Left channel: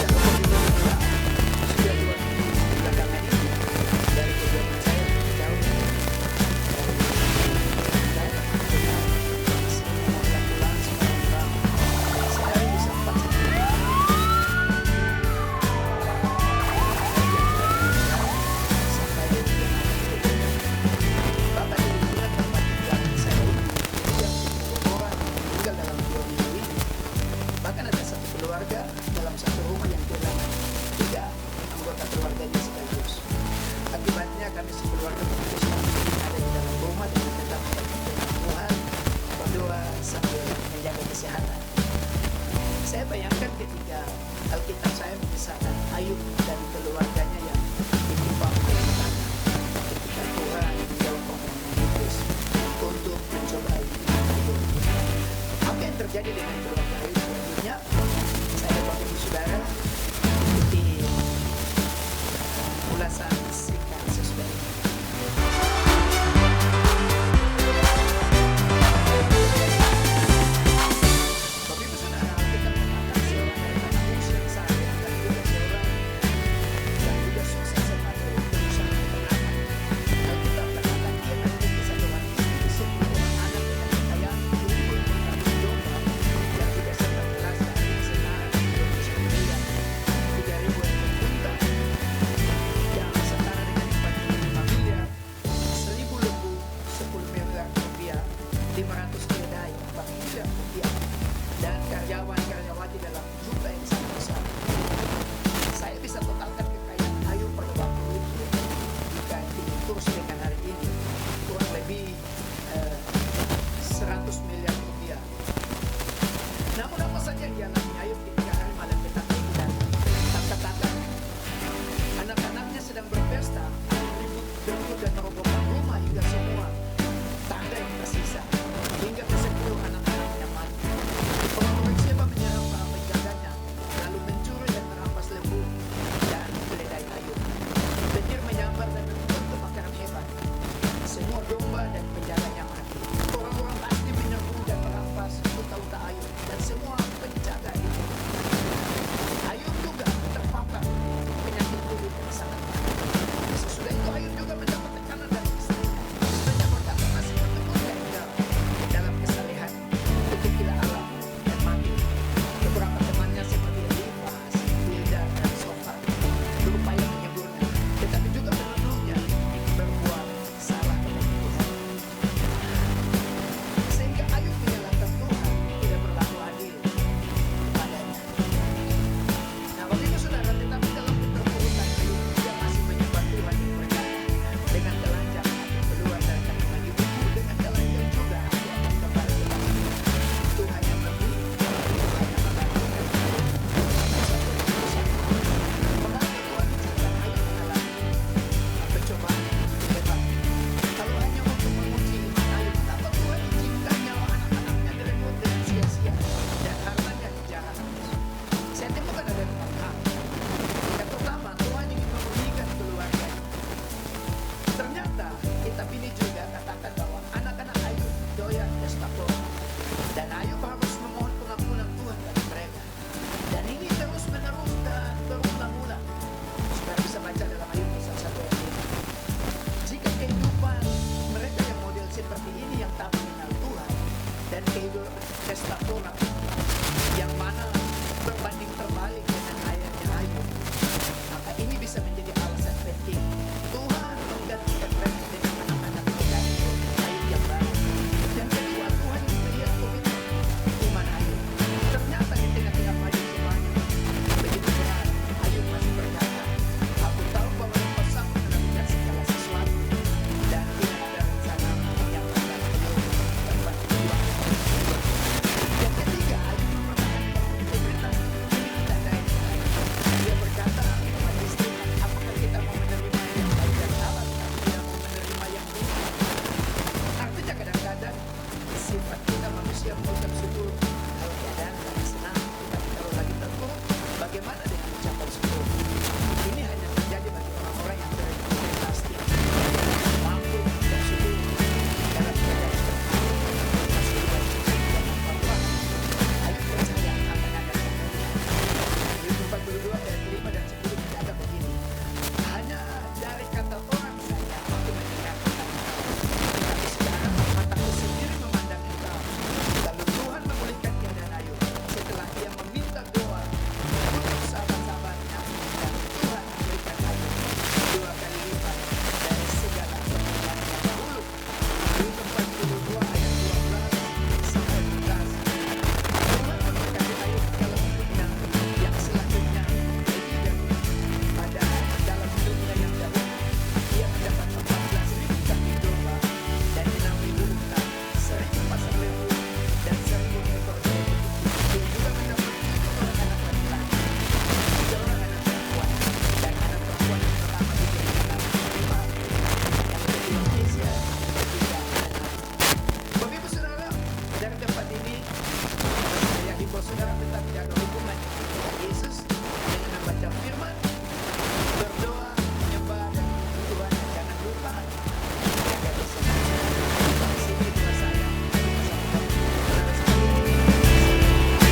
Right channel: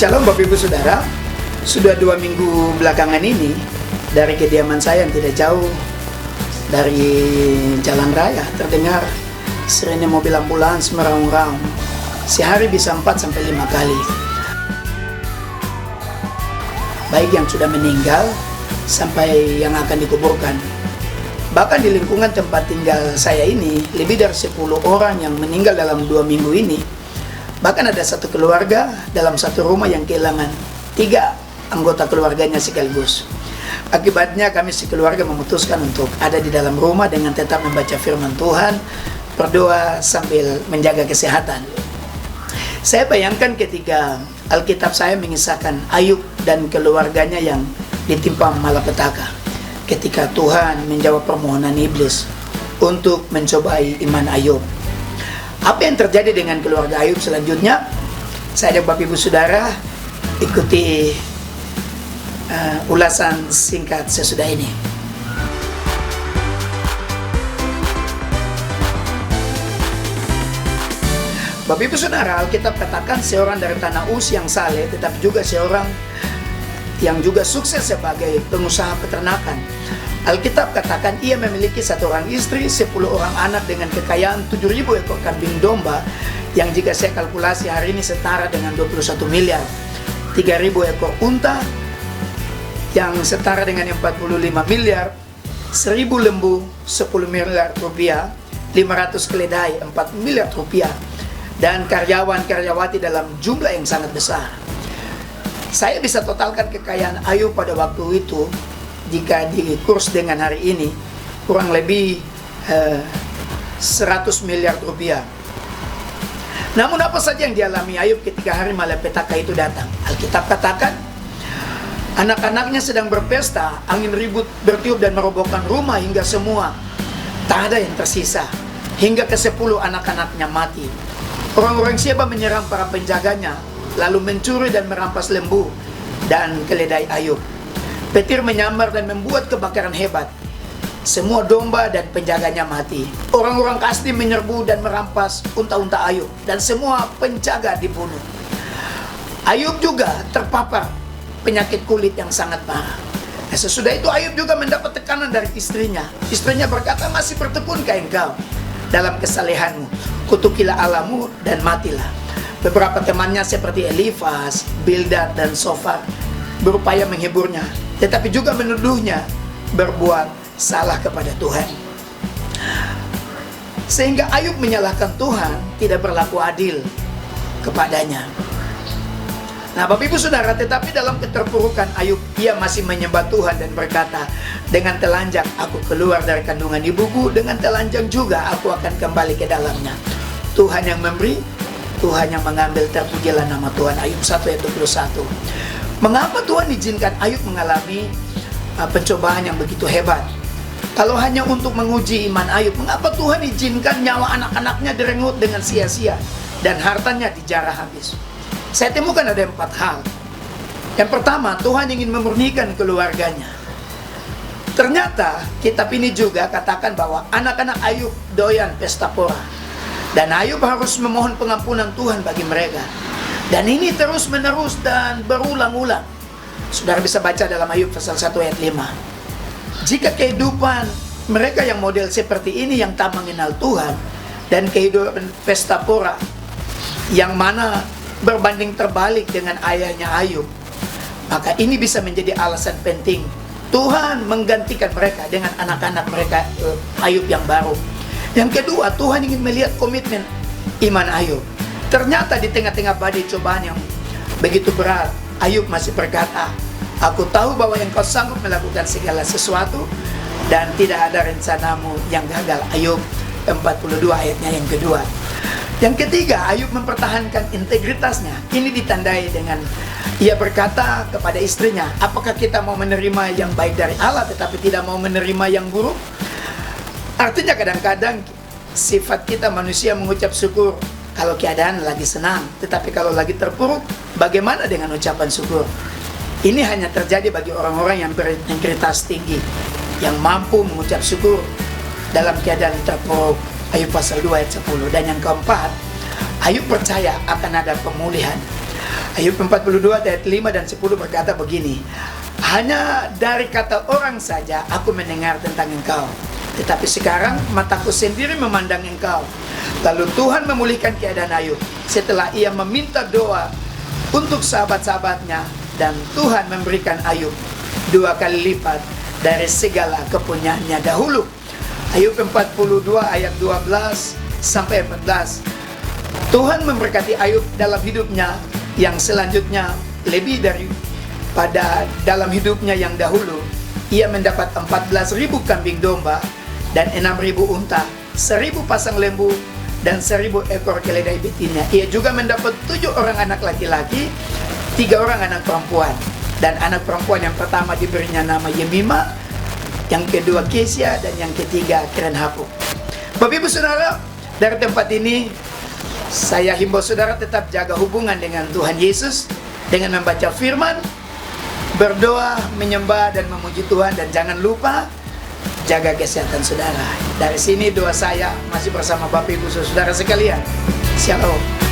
Shalom Bapak Ibu Saudara. Sudah 2 minggu belakangan ini dari kediaman saya yang tidak jauh dari jalan raya terdengar seringnya mobil ambulans meraung-raung. Sehari bisa 4-5 kali. Baik yang sudah meninggal sampai yang akan dikuburkan. Bahkan di lingkungan tempat tinggal saya ini lebih dari 10 orang yang meninggal dalam 2 minggu ini. Bahkan ada satu keluarga dalam satu rumah yang kehilangan 3 anggota keluarganya sekaligus. Akibatnya kami sekeluarga memutuskan untuk ada di dalam rumah dengan tetap membaca firman Tuhan, berdoa sambil menjaga kesehatan. Saya bayangkan ketika Alkitab saya mengisahkan Ayub dan keluarganya yang ditimpa malapetaka. Ketika Tuhan menjawab permohonan iblis untuk mencobai iman Ayub. Apa yang terjadi dengan keluarga Ayub selanjutnya? Saya dan Bapak Ibu Saudara ikuti ulasan singkat sesudah ini. Bapak Ibu Saudara, Alkitab katakan seorang dari tanah Uz yang saleh, tetapi juga seorang yang juga sukses sebagai pengusaha peternakan. Alkitab katakan ia memiliki 1 orang istri, 10 orang anak dengan kekayaan 7.000 ekor kambing domba yang jika saya kalkulasi hari ini setara dengan 21 miliar, 3.000 ekor unta yang setara dengan 45 miliar, 1.000 lembu 10 miliar rupiah, 500 keledai 4 miliar rupiah, dan karyawan-karyawati dalam jumlah yang sangat besar. Saya bisa totalkan kekayaan Ayub pada waktu itu jika dikurs dengan hari ini kurang lebih 100 miliar rupiah. Namun apa saja yang dialami Ayub ketika hari malapetaka itu datang? Alkitab katakan anak-anaknya sedang berpesta, angin ribut bertiup dan merobohkan rumah hingga semua tak ada yang tersisa, hingga ke-10 anak-anaknya mati. Orang-orang Syeba menyerang para penjaganya, lalu mencuri dan merampas lembu dan keledai Ayub. Petir menyambar dan membuat kebakaran hebat. Semua domba dan penjaganya mati. Orang-orang Kasdim menyerbu dan merampas unta-unta Ayub, dan semua penjaga dibunuh. Ayub juga terpapar penyakit kulit yang sangat parah. Sesudah itu Ayub juga mendapat tekanan dari istrinya. Istrinya berkata, masih bertepunkah engkau dalam kesalehanmu? Kutukilah Allahmu dan matilah. Beberapa temannya seperti Elifas, Bildad, dan Sofar berupaya menghiburnya, tetapi juga menuduhnya berbuat salah kepada Tuhan. Sehingga Ayub menyalahkan Tuhan, tidak berlaku adil kepadanya. Nah Bapak Ibu Saudara, tetapi dalam keterpurukan Ayub, ia masih menyembah Tuhan dan berkata, dengan telanjang aku keluar dari kandungan ibuku, dengan telanjang juga aku akan kembali ke dalamnya. Tuhan yang memberi, Tuhan yang mengambil, terpujilah nama Tuhan. Ayub 1 ayat 21. Mengapa Tuhan izinkan Ayub mengalami pencobaan yang begitu hebat? Kalau hanya untuk menguji iman Ayub, mengapa Tuhan izinkan nyawa anak-anaknya direnggut dengan sia-sia dan hartanya dijarah habis? Saya temukan ada 4 hal. Yang pertama, Tuhan ingin memurnikan keluarganya. Ternyata kitab ini juga katakan bahwa anak-anak Ayub doyan pesta pora, dan Ayub harus memohon pengampunan Tuhan bagi mereka. Dan ini terus menerus dan berulang-ulang. Saudara bisa baca dalam Ayub pasal 1 ayat 5. Jika kehidupan mereka yang model seperti ini yang tak mengenal Tuhan, dan kehidupan pesta pora yang mana berbanding terbalik dengan ayahnya Ayub, maka ini bisa menjadi alasan penting Tuhan menggantikan mereka dengan anak-anak mereka Ayub yang baru. Yang kedua, Tuhan ingin melihat komitmen iman Ayub. Ternyata di tengah-tengah badai cobaan yang begitu berat, Ayub masih berkata, aku tahu bahwa engkau sanggup melakukan segala sesuatu dan tidak ada rencanamu yang gagal. Ayub 42 ayatnya yang kedua. Yang ketiga, Ayub mempertahankan integritasnya. Ini ditandai dengan ia berkata kepada istrinya, apakah kita mau menerima yang baik dari Allah tetapi tidak mau menerima yang buruk? Artinya kadang-kadang sifat kita manusia mengucap syukur kalau keadaan lagi senang, tetapi kalau lagi terpuruk, bagaimana dengan ucapan syukur? Ini hanya terjadi bagi orang-orang yang berintegritas tinggi, yang mampu mengucap syukur dalam keadaan terpuruk. Ayub pasal 2 ayat 10. Dan yang keempat, Ayub percaya akan ada pemulihan. Ayub 42 ayat 5 dan 10 berkata begini, hanya dari kata orang saja aku mendengar tentang engkau, tetapi sekarang mataku sendiri memandang engkau. Lalu Tuhan memulihkan keadaan Ayub setelah ia meminta doa untuk sahabat-sahabatnya, dan Tuhan memberikan Ayub 2 kali lipat dari segala kepunyaannya dahulu. Ayub 42 ayat 12 sampai 14. Tuhan memberkati Ayub dalam hidupnya yang selanjutnya lebih daripada dalam hidupnya yang dahulu. Ia mendapat 14.000 kambing domba dan 6.000 unta, 1.000 pasang lembu dan 1.000 ekor keledai betina. Ia juga mendapat 7 orang anak laki-laki, 3 orang anak perempuan. Dan anak perempuan yang pertama diberinya nama Yemima, yang kedua Kesia, dan yang ketiga Kerenhapuk. Bapak Ibu Saudara, dari tempat ini saya himbau saudara tetap jaga hubungan dengan Tuhan Yesus dengan membaca firman, berdoa, menyembah dan memuji Tuhan, dan jangan lupa jaga kesehatan saudara. Dari sini doa saya masih bersama Bapak Ibu Saudara sekalian. Shalom.